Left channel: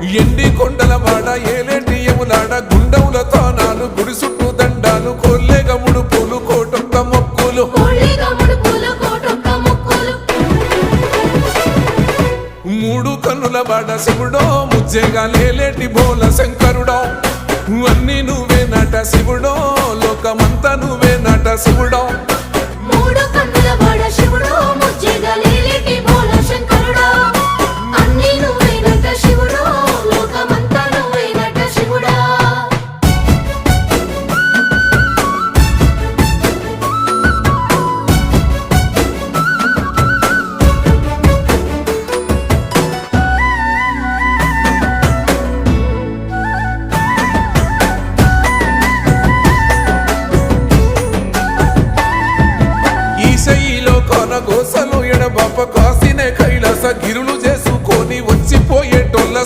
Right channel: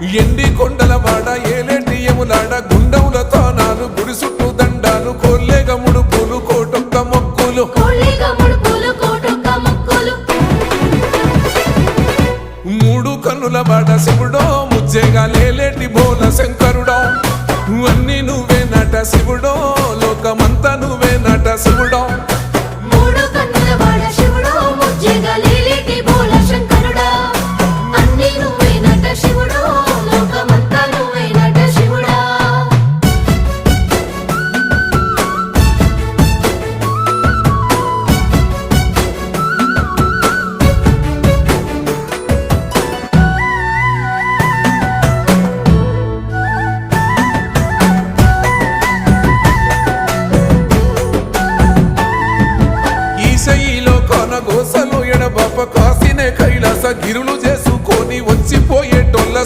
ఎండి కొండల వాడ ఏలేటియములాడ గుండముల తానాలు గుడి చుట్టూ దండాలు కొల్లేగ ముడుపులు కోటొక్క మొక్కులు మూడు కన్నుల వాడ శివుడో ముజ్జేగా లేలేటి బోల శంకరుడో అన్ని నువ్వే నట శివుడో లోకమంతా నువ్వే నట శివుడో ఈశయిలో కొనగోసలు ఎడబాప కాసినే కైలాస గిరులు చేసుకొని వచ్చిపోయేటోళ్ళ